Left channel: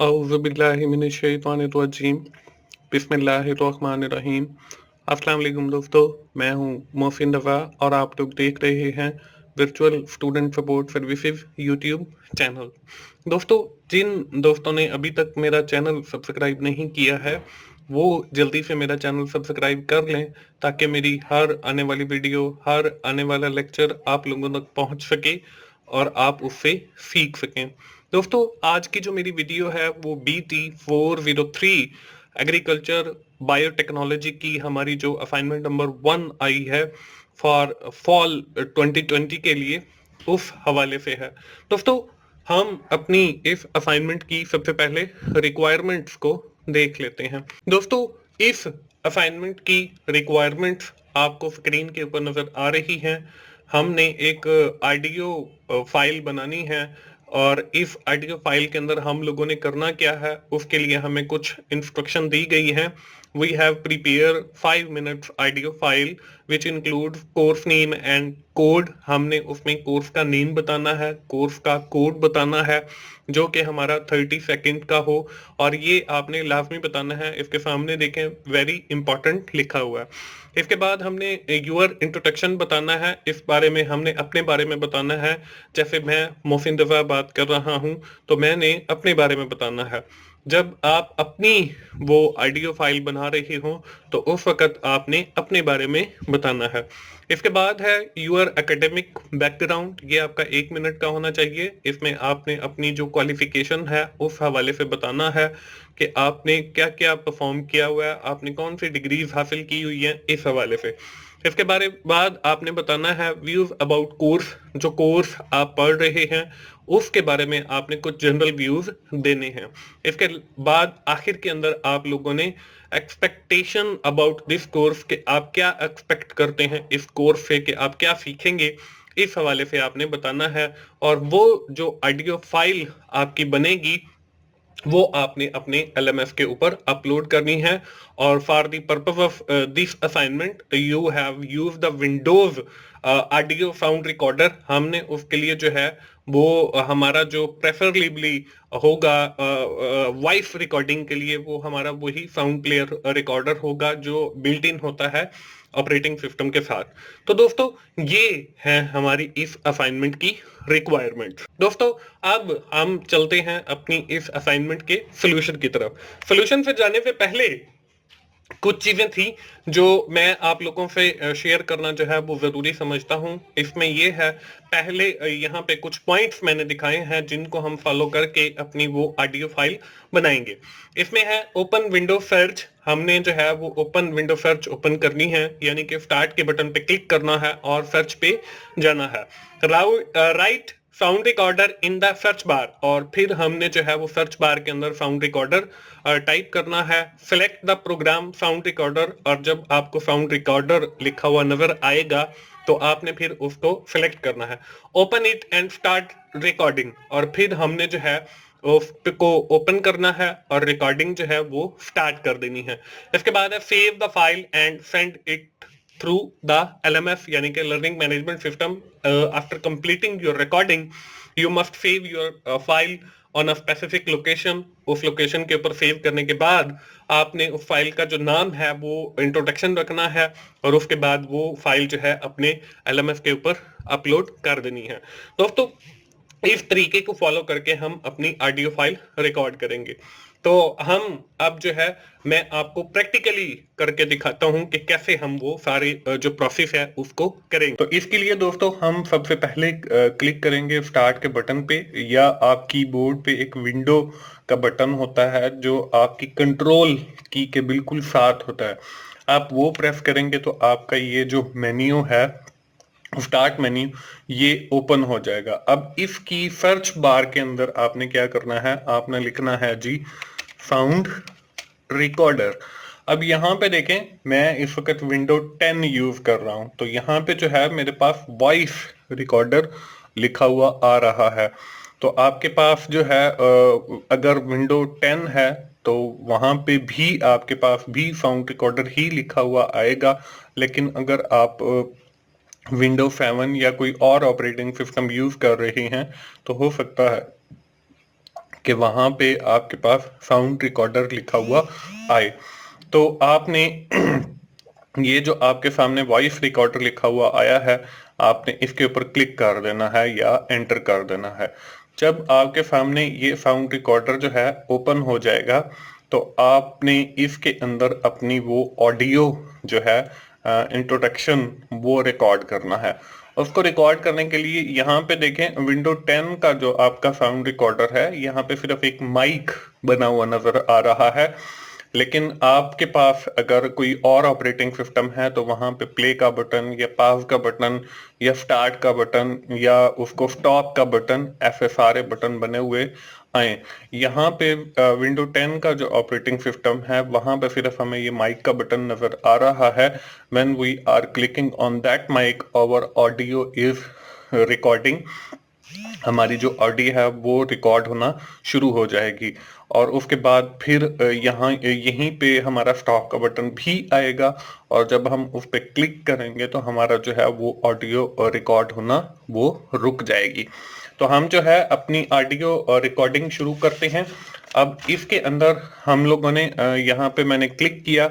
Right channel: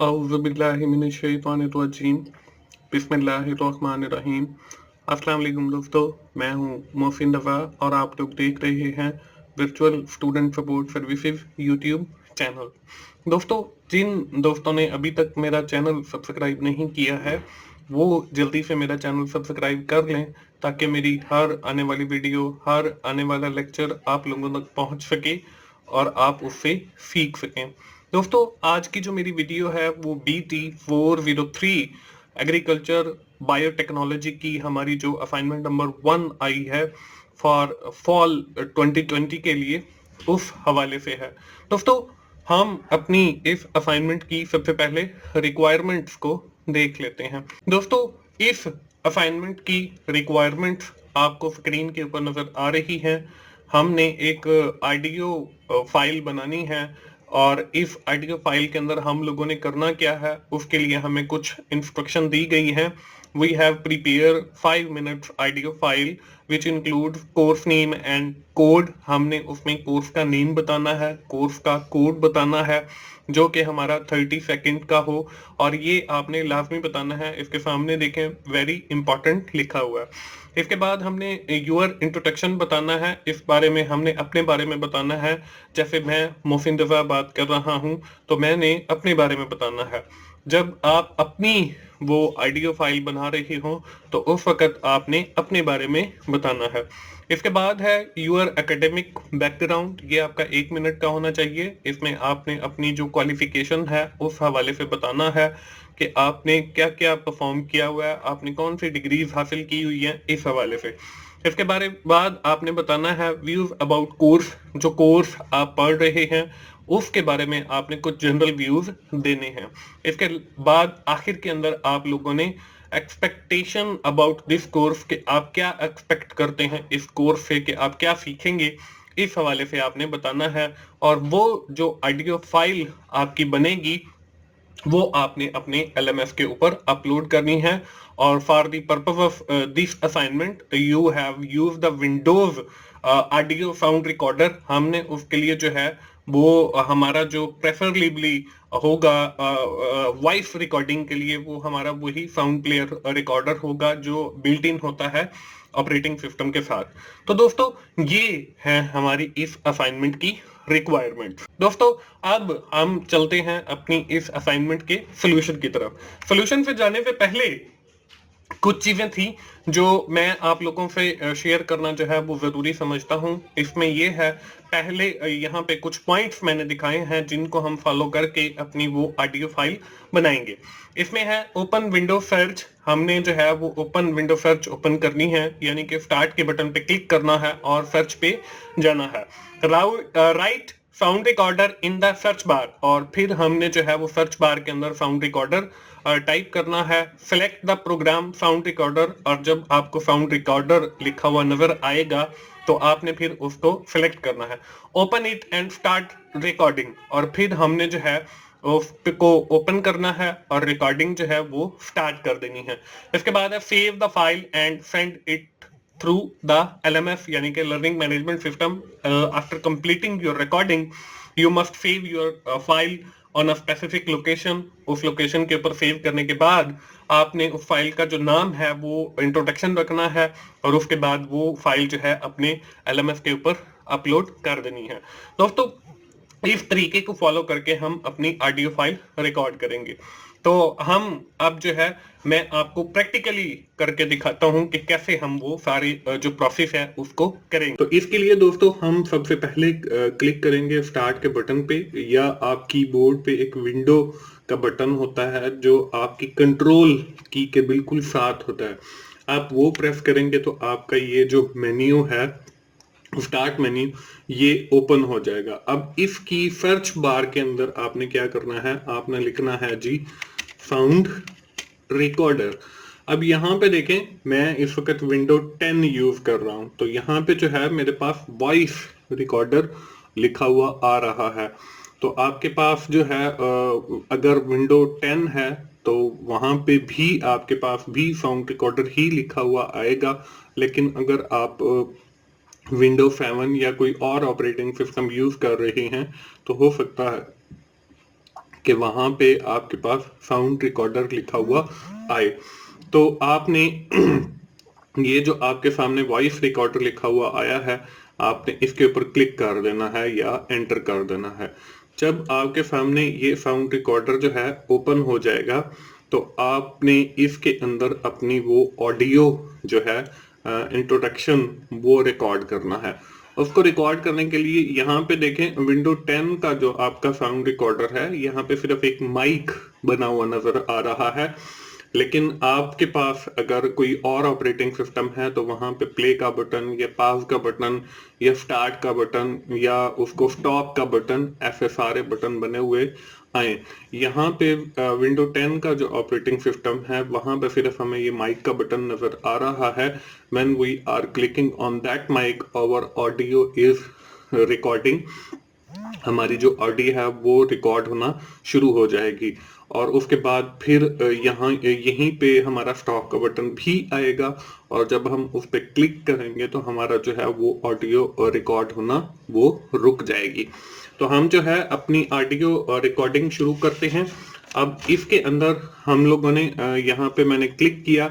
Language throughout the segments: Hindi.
औज़ुबिल्लाहिमिनश्शैतानिर्रजीम बिस्मिल्लाहिर्रहमानिर्रहीम। अस्सलाम वालेकुम दोस्तों, मैं हूं मोहसिन रज़ा और आप लोग देख रहे हैं virtual student support services YouTube channel. दोस्तों, जिन दोस्तों ने अभी तक मेरा चैनल सब्सक्राइब नहीं किया है, वो जल्दी से मेरा चैनल सब्सक्राइब कर लें ताकि मेरी हर आने वाली वीडियो, हर आने वाला लेक्चर आप लोगों तक पहुंच सके और आप उससे सीख सकें। दोस्तों, आज की जो मेरी वीडियो है वो BT403 एग्रीकल्चर बायोटेक्नोलॉजी की हमारी जो असाइनमेंट नंबर 1 आई है फॉर फॉल 2020 के लिए, उस हवाले से है। दोस्तों, हम अपनी इस असाइनमेंट की सबसे पहले रिक्वायरमेंट्स को देख लेते हैं। दोस्तों, इस असाइनमेंट की रिक्वायरमेंट्स आपको स्क्रीन के ऊपर नजर आ रही हैं। हमने एक ऑडियो फाइल बनानी है और इस ऑडियो फाइल के अंदर हम लोगों ने करना क्या है, उसके लिए हमें कुछ इंस्ट्रक्शन दी गई है। We have prepare 5 minutes audio file which include course name and code. हमने उसमें कोर्स का नेम बताना है, कोर्स का कोड बताना है, जो कि हमारा 30 सेकंड का हो और ये आपने लाजमी बताना है। इसके सामने देखें, वेरी इंपॉर्टेंट लिखा हुआ है। इसके बाद हमने यूअर इंट्रोडक्शन बताना है। इस बारे में हमने अपने बारे में बताना है। जैसे मैं मोहसिन रज़ा बात कर रहा हूं, तो मैंने अपने बारे में बताना है। जब आप अपनी वो ऑडियो फाइल बना रहे हो तो उस वक्त आपने अपने बारे में बताना है। इसके बाद है यूअर एकेडमिक बैकग्राउंड। ये आपका 1 मिनट का होना चाहिए। इसमें आपने अपनी जो क्वालिफिकेशन है उस हवाले से बताना है कि आपने क्या क्या परफॉर्म किया हुआ है, आपने कौन सी डिग्रीज हासिल की हुई है, इस हवाले से। इसके बारे बाद आपने बताना है व्यूज अबाउट कोर्स। जो कोर्स आप पढ़ रहे हैं उसके बारे में आपने कुछ जनरल व्यूज देने हैं। इसके बाद आखिर के अंदर आप लोगों ने एक्सपेक्टेशन अबाउट दिस कोर्स के आप क्या एक्सपेक्ट करते हैं इस कोर्स से, कि आप क्या सीखेंगे, इस हवाले से आपने बताना है। और वो जो ऑडियो फाइल आपकी बनेगी वो आपने अपने LMS के ऊपर अपलोड करनी है। और for the purpose of this assignment you have use the Windows audio sound recorder. हमने उसके लिए जो है वो हमारा जो प्रेफरेबली होगा वॉइस रिकॉर्डिंग के लिए, वो हमारा वही साउंड प्लेयर रिकॉर्डर होगा जो बिल्ट इन होता है ऑपरेटिंग सिस्टम के साथ। तो दोस्तों, ये है हमारी इस असाइनमेंट की रिक्वायरमेंट। दोस्तों, अब हम चलते हैं अपनी इस असाइनमेंट के सोल्यूशन की तरफ। सोल्यूशन पे जाने से पहले कुछ चीजें थी जो मैं आप लोगों से शेयर करना जो है वो जरूरी समझता हूं। इसमें ये है, पहले यहाँ पे कुछ पॉइंट्स मैंने दिखाए हैं जिनको हम फॉलो करके अपनी वो ऑडियो फाइल बनाएंगे। इसमें है ओपन विंडो सर्च। हमने जो है वो ओपन विंडो सर्च ओपन करनी है, यानी कि स्टार्ट के बटन पे क्लिक करना है और सर्च पे जाना है। Right sound recorder in the search bar, और फिर हमने जो है वो सर्च बार के अंदर साउंड रिकॉर्डर टाइप करना है। Select the program sound recorder, और जब आपको साउंड रिकॉर्डर लिखा हुआ नजर आएगा तो आपने फिर उसको सेलेक्ट करना है। Open it and start recording, और फिर हमने जो है उसको ओपन करना है और रिकॉर्डिंग जो है वो स्टार्ट कर देनी है। इसके बाद है save the file and send it through the LMS, यानी कि learning management system. After completing your recording you must save your file on a specific location. उस लोकेशन के ऊपर सेव करने के बाद आपने उस फाइल का जो नाम है वो इंट्रोडक्शन रखना है और उसके बाद वो फाइल जो है अपने LMS के ऊपर अपलोड कर देनी है। दोस्तों, इस तरीके को फॉलो करके हम अपनी ऑडियो फाइल रिकॉर्ड करेंगे। तो हम अब जो है मैं आपको प्रैक्टिकली करके दिखाता हूं कि कैसे हम वो सारे जो प्रोसेस है उसको करेंगे। तो इसके लिए दोस्तों हम सबसे पहले क्लिक करेंगे स्टार्ट के बटन पे, या आप कीबोर्ड पे एक विंडो का बटन होता है जो आपकी कंट्रोल की के बिल्कुल साथ होता है। आप वो प्रेस करेंगे तो आपका ये जो मेन्यू है, स्टार्ट मेन्यू, ये ओपन हो जाएगा। अब इसकी सर्च बार के अंदर आपने क्या करना है, आपने लिखना है जी साउंड रिकॉर्डर। अब यहाँ पे देखें, मैं इस वक्त विंडो 10 यूज कर रहा हूं, तो यहाँ पे जो है मेरे पास वॉइस रिकॉर्डर लिखा हुआ आ रहा है। तो आपके पास जो है अगर विंडो 10 है तो वहां पे भी आपके पास भी साउंड रिकॉर्डर ही लिखा हुआ आएगा। लेकिन अगर आप विंडो 7 या कोई और ऑपरेटिंग सिस्टम यूज कर रहे हैं तो हो सकता है कि वहाँ पे आपके पास साउंड रिकॉर्डर लिखा हुआ आए। तो आपने ये जो आपके सामने वॉइस रिकॉर्डर लिखा हुआ आया है, आपने इसके ऊपर क्लिक कर देना है या एंटर कर देना है। जब आपके सामने ये साउंड रिकॉर्डर जो है ओपन हो जाएगा, तो आपने इसके अंदर अपनी वो ऑडियो जो है इंट्रोडक्शन वो रिकॉर्ड करना है। उसको रिकॉर्ड करने के लिए यहाँ पे देखें, विंडो 10 का जो आपका साउंड रिकॉर्डर है, यहाँ पे सिर्फ एक माइक बना हुआ नजर आ रहा है। लेकिन आपके पास अगर कोई और ऑपरेटिंग सिस्टम है तो वहां पे प्ले का बटन या पॉज का बटन या स्टार्ट का बटन या उसको स्टॉप का बटन, ऐसे सारे बटन बने हुए आए। यहाँ पे विंडो 10 का जो ऑपरेटिंग सिस्टम है वहां पे सिर्फ हमें ये माइक का बटन नजर आ रहा है। When we are clicking on that mic, our audio is recording. हमारी जो ऑडियो है वो रिकॉर्ड होना शुरू हो जाएगी और उसके बाद फिर यहाँ यहीं पे हमारा स्टॉप का बटन भी आएगा और जब हम उस पर क्लिक करेंगे तो हमारा जो है वो ऑडियो रिकॉर्ड होना वो रुक जाएगी। तो हम जो है अपनी ऑडियो रिकॉर्डिंग शुरू करते हैं। अब इसके अंदर हम लोगों ने यहाँ पे मैंने क्लिक किया।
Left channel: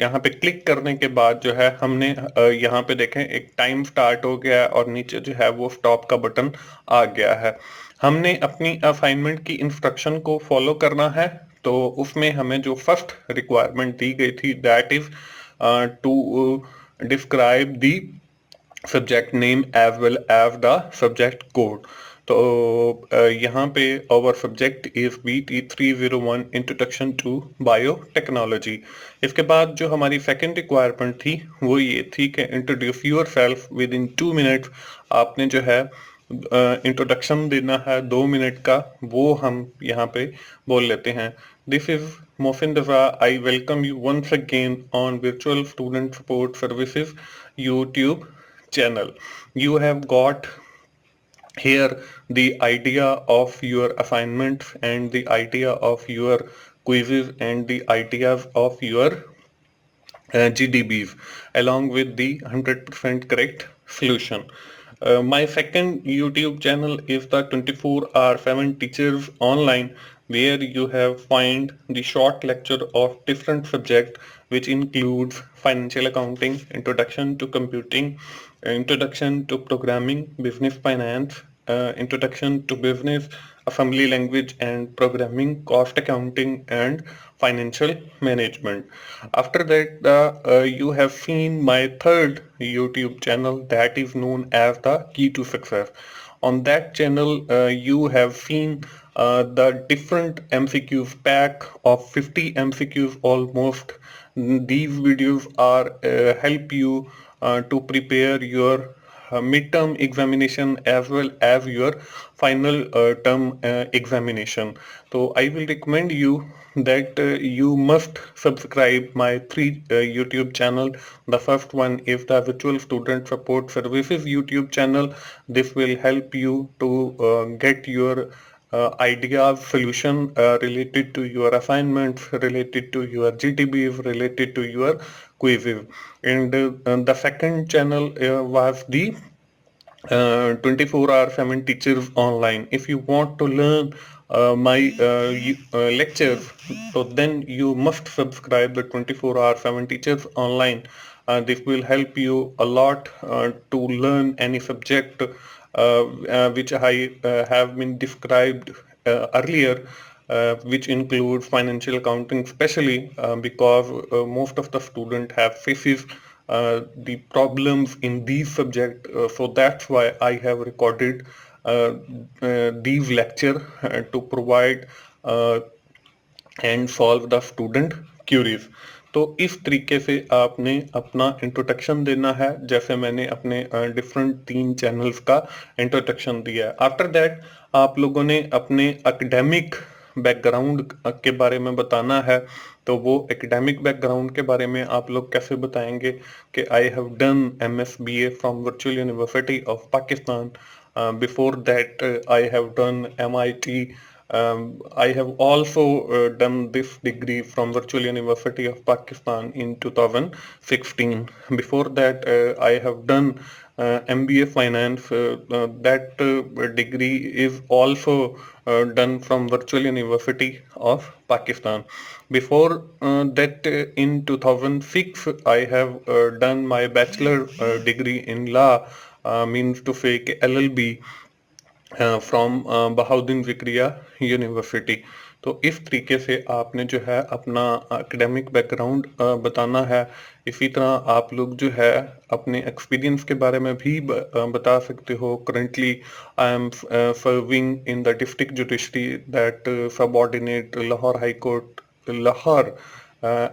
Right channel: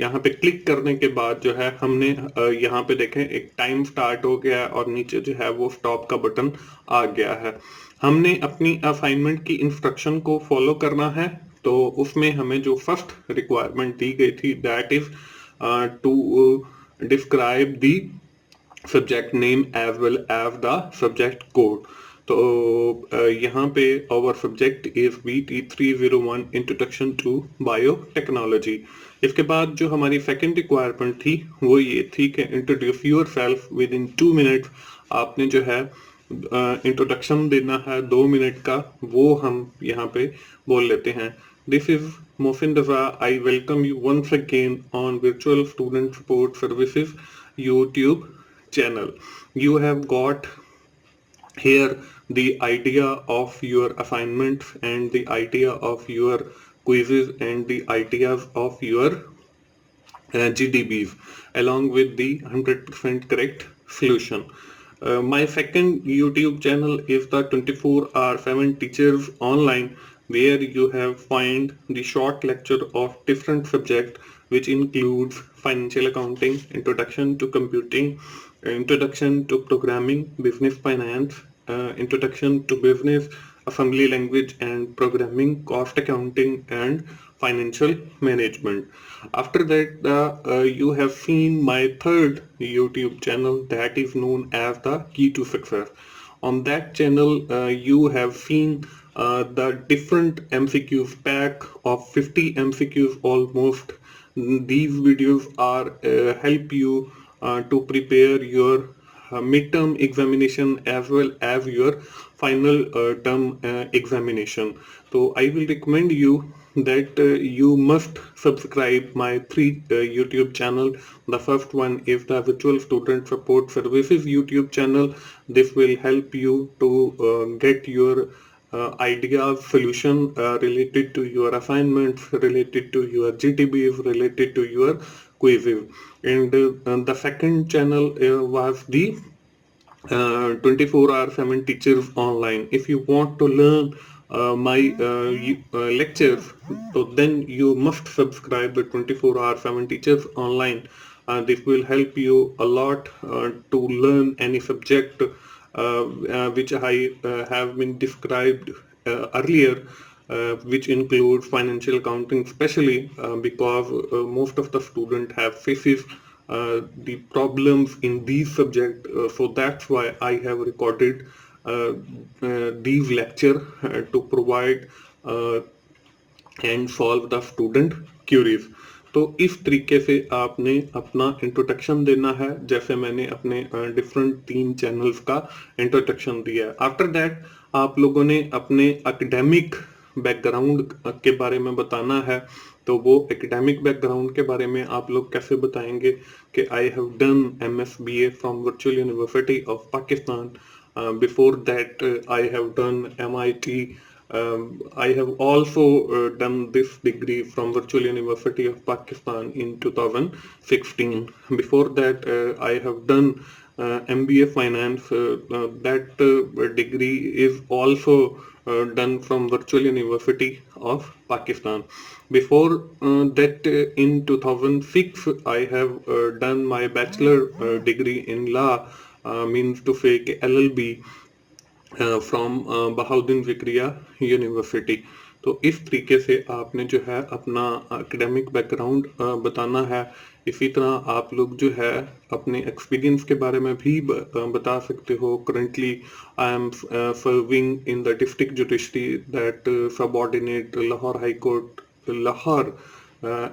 यहाँ पे क्लिक करने के बाद जो है हमने यहाँ पे देखें एक टाइम स्टार्ट हो गया और नीचे जो है वो स्टॉप का बटन आ गया है। हमने अपनी असाइनमेंट की इंस्ट्रक्शन को फॉलो करना है। तो उसमें हमें जो फर्स्ट रिक्वायरमेंट दी गई थी, that is to describe the subject name as well as the subject code. तो यहाँ पे our subject is BT301 introduction to biotechnology. इसके बाद जो हमारी सेकंड रिक्वायरमेंट थी वो ये थी कि introduce your self with in 2 minutes. आपने जो है इंट्रोडक्शन देना है 2 मिनट का, वो हम यहाँ पे बोल लेते हैं। This is Mohsin Raza, I welcome you once again on virtual student support services YouTube channel. You have got here the idea of your assignments and the idea of your quizzes and the ideas of your GDBs along with the 100% correct solution. My second YouTube channel is the 24/7 Teachers Online, where you have find the short lecture of different subjects, which includes financial accounting, introduction to computing, introduction to programming, business finance, introduction to business, assembly language and programming, cost accounting, and financial management. After that, you have seen my third YouTube channel, that is known as the Key to Success. On that channel, you have seen the different MCQs pack of 50 MCQs almost. These videos are help you to prepare your midterm examination as well as your final term examination. So I will recommend you that you must subscribe my 3 YouTube channel. The first one is the Virtual Student Support Services YouTube channel. This will help you to get your ideas, solution related to your assignments, related to your GTBs, related to your quizzes. And the second channel was the 24/7 Teachers Online. If you want to learn my lectures, so then you must subscribe the 24/7 Teachers Online. This will help you a lot to learn any subject which I have been described earlier, which include financial accounting, especially because most of the student have faces the problems in these subjects. So that's why I have recorded these lecture to provide and solve the student queries. तो इस तरीके से आपने अपना इंट्रोडक्शन देना है, जैसे मैंने अपने डिफरेंट 3 चैनल्स का इंट्रोडक्शन दिया है। आफ्टर दैट आप लोगों ने अपने एकेडमिक बैकग्राउंड के बारे में बताना है। तो वो एकेडमिक बैकग्राउंड के बारे में आप लोग कैसे बताएंगे कि I have done MSBA from virtual university of Pakistan, before that I have done MIT. I have also done this degree from Virtual University of Pakistan in 2016. Before that, I have done MBA Finance. That degree is also done from Virtual University of Pakistan. Before that, in 2006, I have done my bachelor degree in law, means to say LLB, from Bahauddin Zakaria university. तो इस तरीके से आपने जो है अपना एकेडमिक बैकग्राउंड बताना है। इसी तरह आप लोग जो है अपने एक्सपीरियंस के बारे में भी बता सकते हो। Currently I am serving in the district judiciary that subordinate Lahore high court Lahore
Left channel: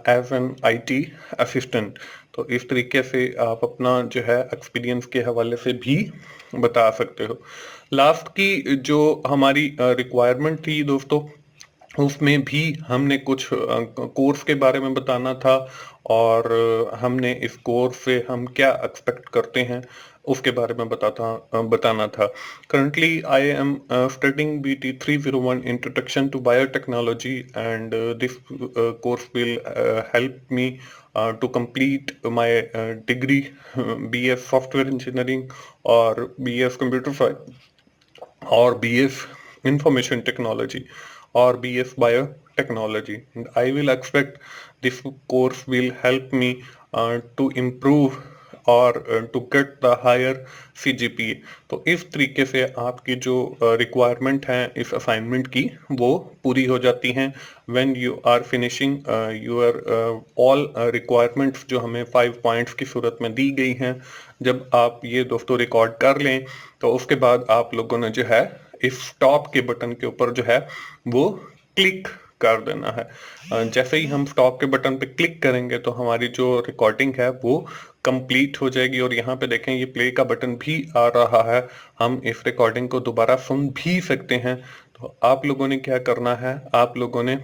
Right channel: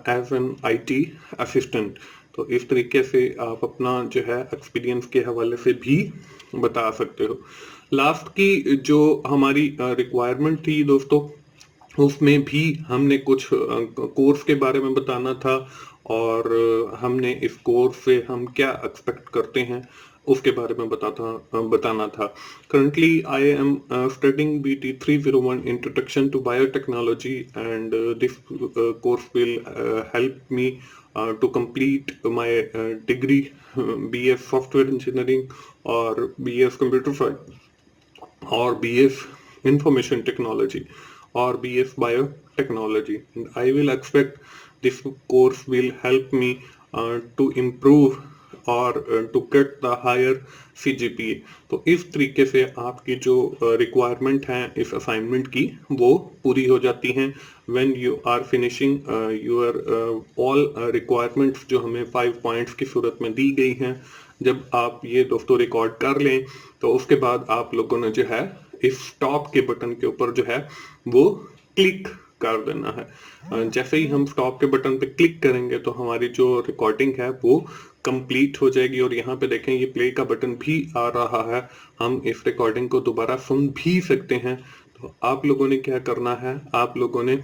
as an IT assistant. तो इस तरीके से आप अपना जो है एक्सपीरियंस के हवाले से भी बता सकते हो। लास्ट की जो हमारी रिक्वायरमेंट थी दोस्तों, उसमें भी हमने कुछ कोर्स के बारे में बताना था और हमने इस कोर्स से हम क्या एक्सपेक्ट करते हैं उसके बारे में बताना था। Currently I am studying BT 301 introduction to biotechnology and this course will help me to complete my degree, BS software engineering or BS computer science or BS information technology or BS biotechnology. And I will expect this course will help me to improve और to get the higher CGPA। तो इस तरीके से आपकी जो रिक्वायरमेंट है इस असाइनमेंट की वो पूरी हो जाती हैं when you are finishing your all requirements जो हमें 5 पॉइंट्स की सूरत में दी गई हैं। जब आप ये दोस्तों रिकॉर्ड कर लें तो उसके बाद आप लोगों ने जो है इस स्टॉप के बटन के ऊपर जो है वो क्लिक कर देना है। जैसे ही हम स्टॉप के बटन पे क्लिक करेंगे तो हमारी जो रिकॉर्डिंग है वो कंप्लीट हो जाएगी। और यहाँ पे देखें ये प्ले का बटन भी आ रहा है, हम इस रिकॉर्डिंग को दोबारा सुन भी सकते हैं। तो आप लोगों ने क्या करना है, आप लोगों ने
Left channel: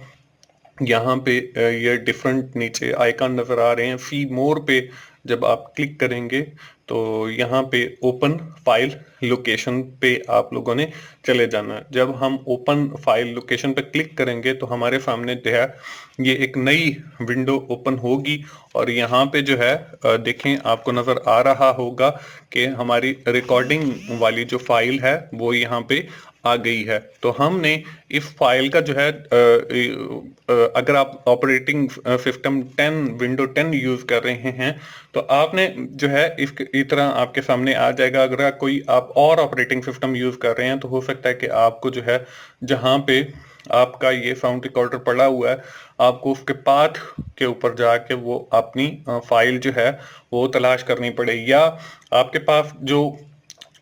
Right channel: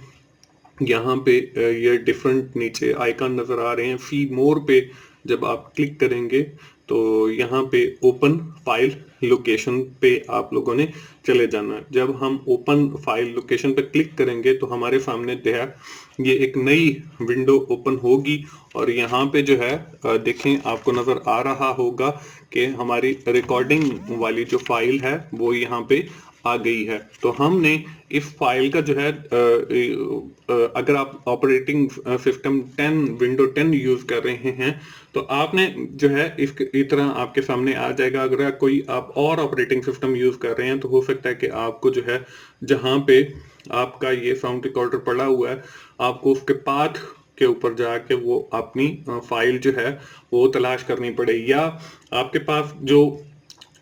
यहाँ पे ये डिफरेंट नीचे आइकन नजर आ रहे हैं, सी मोर पे जब आप क्लिक करेंगे तो यहाँ पे ओपन फाइल लोकेशन पे आप लोगों ने चले जाना है। जब हम ओपन फाइल लोकेशन पे क्लिक करेंगे तो हमारे सामने जो है ये एक नई विंडो ओपन होगी और यहाँ पे जो है देखें आपको नजर आ रहा होगा कि हमारी रिकॉर्डिंग वाली जो फाइल है वो यहाँ पे आ गई है। तो हमने इस फाइल का जो है अगर आप ऑपरेटिंग सिस्टम 10 विंडो 10 यूज कर रहे हैं तो आपने जो है इस तरह आपके सामने आ जाएगा। अगर कोई आप और ऑपरेटिंग सिस्टम यूज कर रहे हैं तो हो सकता है कि आपको जो है जहां पे आपका ये साउंड रिकॉर्डर पड़ा हुआ है आपको उसके पाथ के ऊपर जाके वो अपनी फाइल जो है वो तलाश करनी पड़े, या आपके पास जो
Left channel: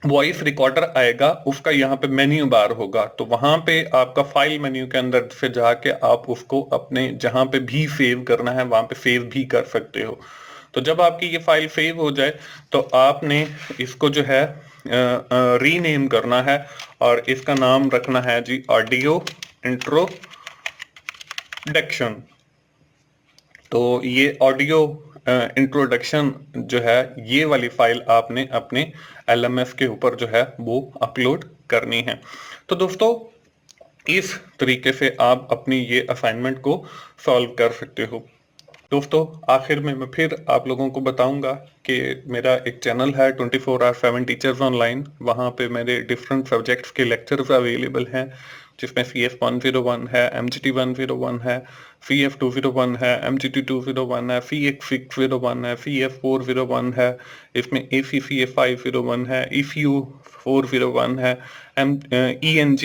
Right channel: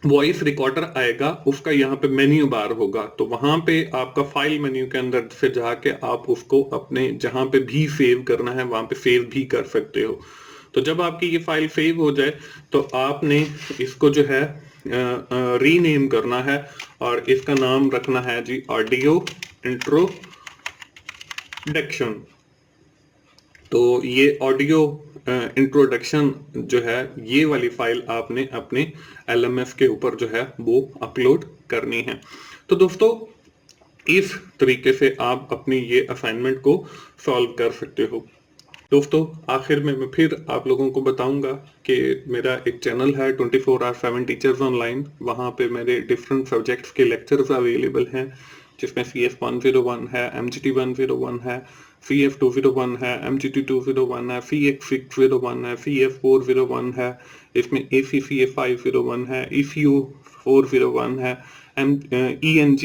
वॉइस रिकॉर्डर आएगा उसका यहाँ पे मेन्यू बार होगा तो वहां पे आपका फाइल मेन्यू के अंदर से जाके आप उसको अपने जहां पे भी सेव करना है वहां पे सेव भी कर सकते हो। तो जब आपकी ये फाइल सेव हो जाए तो आपने इसको जो है रीनेम करना है और इसका नाम रखना है जी ऑडियो इंट्रोडक्शन। तो ये ऑडियो इंट्रोडक्शन जो है ये वाली फाइल आपने अपने LMS के ऊपर जो है वो अपलोड करनी है। तो दोस्तों इस तरीके से आप अपनी ये असाइनमेंट को सॉल्व कर सकते हो। दोस्तों आखिर में मैं फिर आप लोगों को बताऊंगा कि मेरा एक चैनल है 24/7 टीचर्स ऑनलाइन, वहाँ पे मेरे डिफरेंट सब्जेक्ट्स के लेक्चर्स अवेलेबल हैं जिसमें CF 101 है, MGT 101 है, CF 201 है, MGT 201 है, CX 601 है, CF 401 है, इसमें ACCA 501 है, ECU 401 है, ENG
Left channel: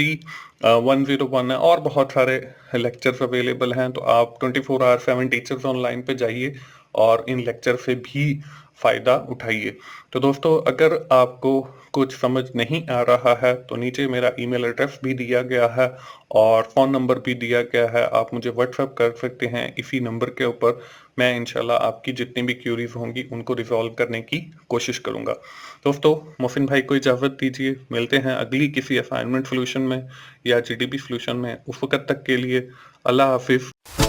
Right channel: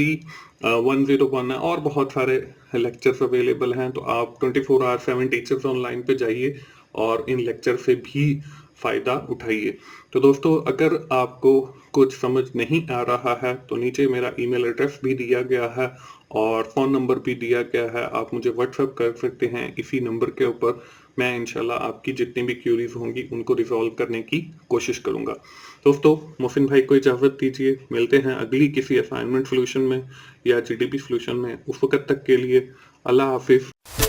101 है और बहुत सारे लेक्चर्स अवेलेबल हैं। तो आप 24/7 टीचर्स ऑनलाइन पे जाइए और इन लेक्चर से भी फ़ायदा उठाइए। तो दोस्तों अगर आपको कुछ समझ नहीं आ रहा है तो नीचे मेरा ईमेल एड्रेस भी दिया गया है और फ़ोन नंबर भी दिया गया है, आप मुझे व्हाट्सएप कर सकते हैं इसी नंबर के ऊपर। मैं इंशाल्लाह आपकी जितनी भी क्यूरीज होंगी उनको रिजॉल्व करने की कोशिश करूंगा। दोस्तों मोहसिन भाई को इजाज़त दीजिए, मिलते हैं अगली किसी असाइनमेंट सोल्यूशन में या GDP सोल्यूशन में। उस वक्त तक के लिए अल्लाह हाफिज़।